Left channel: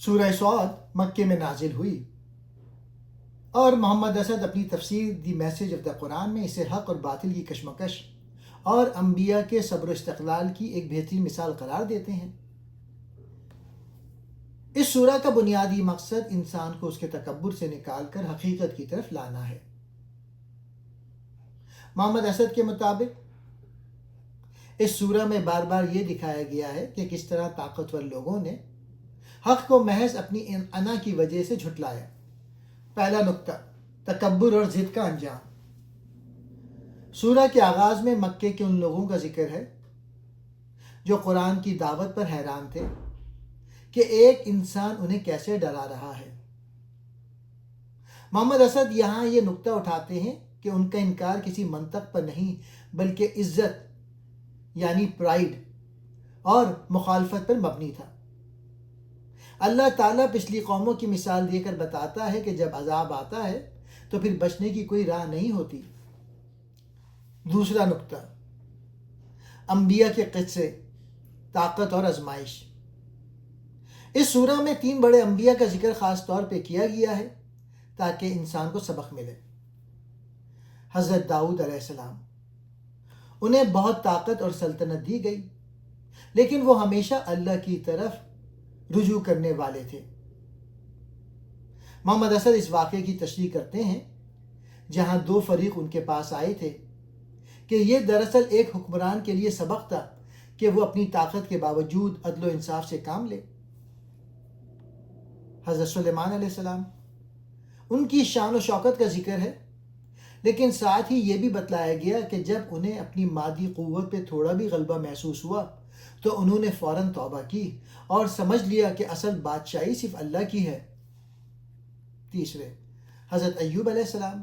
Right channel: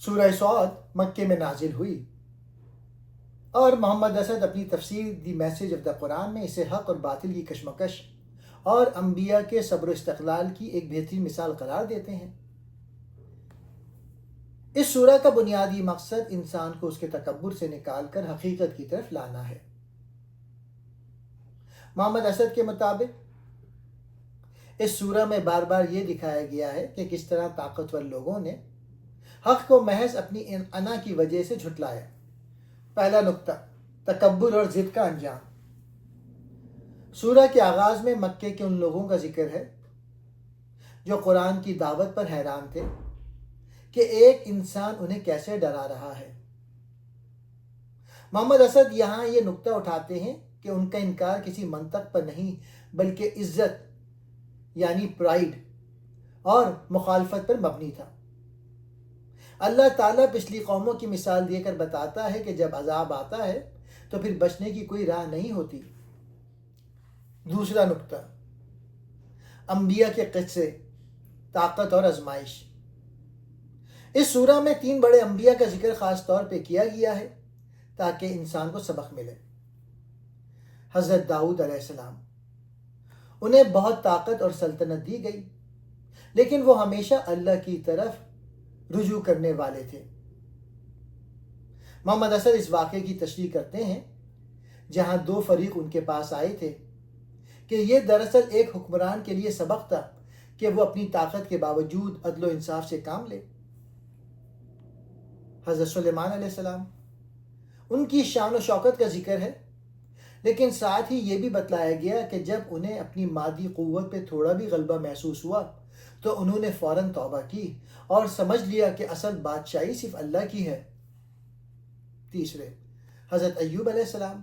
سورہ صاد مکے میں نازل ہوئی اور محمد اسد اپنی تفسیر دی میسج آف دا قرآن میں اسے حق اور باطل کی کشمکش اور انبیاء کے صبر و استقلال کی ایک بہترین مثال قرار دیتے ہیں۔ اس سورہ کا بنیادی مقصد انسان کو اس کے تکبر سے نکال کر حقیقت کی طرف لانا ہے۔ محمد اسد کے مطابق اس سورہ میں بار بار یہ دکھایا گیا ہے کہ کس طرح طاقتور لوگوں نے حق کو محض اپنی انا کی وجہ سے جھٹلایا۔ پہلا نقطہ، تکبر اور ضد کا انجام۔ سورہ کے آغاز میں مکے کے ان لوگوں کا ذکر ہے جو قرآن کی دعوت پر حیران تھے کہ ایک انسان انہیں کیسے ڈرا رہا ہے۔ محمد اسد یہاں یہ نقطہ اٹھاتے ہیں کہ ان کا انکار کسی منطق پر نہیں بلکہ عزت یعنی پرائیڈ اور مخالفت پر مبنی تھا۔ اللہ تعالیٰ پچھلی قوموں کی مثال دے کر بتاتا ہے کہ جب عذاب آتا ہے تو پھر بچنے کی کوئی راہ نہیں ہوتی۔ دوسرا نقطہ، انبیاء کے قصے، طاقت اور آزمائش۔ اس سورہ میں 3 بڑے انبیاء کا ذکر خاص طور پہ کیا گیا ہے تاکہ انسان کو سبق ملے۔ حضرت داؤد علیہ السلام، انہیں بہت طاقت اور سلطنت دی گئی لیکن وہ ہمیشہ اللہ کی طرف رجوع کرنے والے تھے۔ محمد اسد اس واقعے کی تشریح کرتے ہیں جہاں 2 فریق ان کے پاس آئے تھے کہ یہ دراصل ایک حکمران کے لیے سبق تھا کہ وہ اپنی طاقت کے باوجود عدل و انصاف سے کام لے۔ حضرت سلیمان علیہ السلام، ان کی شان و شوکت کا ذکر ہے لیکن ساتھ ہی یہ بھی بتلایا گیا کہ جب انہیں اپنی مادی قوت پہ تھوڑا بھی غلبہ محسوس ہوا تو انہوں نے فوراً توبہ کی اور سمجھ لیا کہ اصل بادشاہی صرف اللہ کی ہے۔ تیسرے، حضرت ایوب علیہ السلام،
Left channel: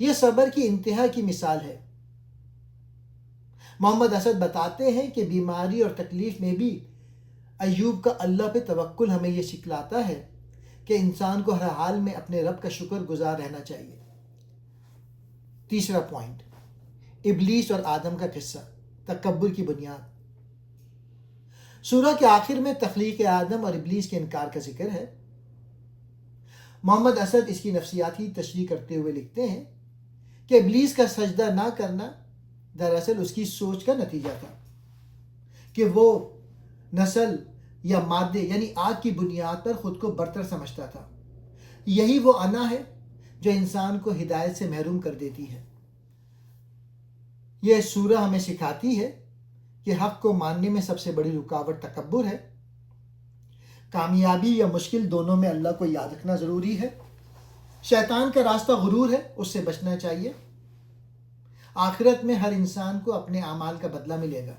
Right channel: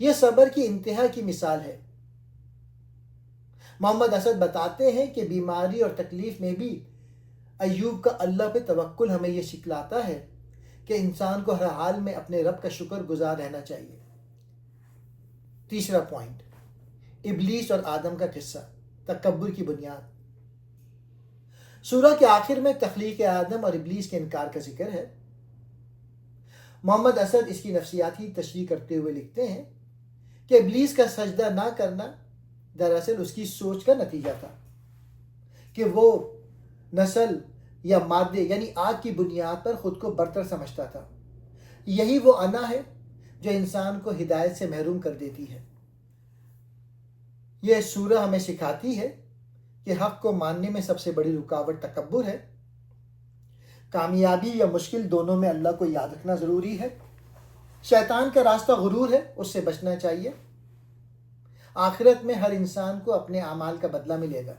یہ صبر کی انتہا کی مثال ہے۔ محمد اسد بتاتے ہیں کہ بیماری اور تکلیف میں بھی ایوب کا اللہ پہ توکل ہمیں یہ سکھلاتا ہے کہ انسان کو ہر حال میں اپنے رب کا شکر گزار رہنا چاہیے۔ تیسرا پوائنٹ، ابلیس اور آدم کا قصہ، تکبر کی بنیاد۔ سورہ کے آخر میں تخلیق آدم اور ابلیس کے انکار کا ذکر ہے۔ محمد اسد اس کی نفسیاتی تشریح کرتے ہوئے لکھتے ہیں کہ ابلیس کا سجدہ نہ کرنا دراصل اس کی سوچ کا نتیجہ تھا کہ وہ نسل یا مادے یعنی آگ کی بنیاد پر خود کو برتر سمجھتا تھا۔ یہی وہ انا ہے جو انسان کو ہدایت سے محروم کر دیتی ہے۔ یہ سورہ ہمیں سکھاتی ہے کہ حق کو ماننے میں سب سے بڑی رکاوٹ تکبر ہے۔ کامیابی یا مشکل دونوں میں اللہ کو یاد رکھنا ضروری ہے۔ شیطان کا راستہ غرور ہے، اس سے بچنا چاہیے۔ آخرت میں ہر انسان کو اپنے اعمال کا بدلہ ملے گا۔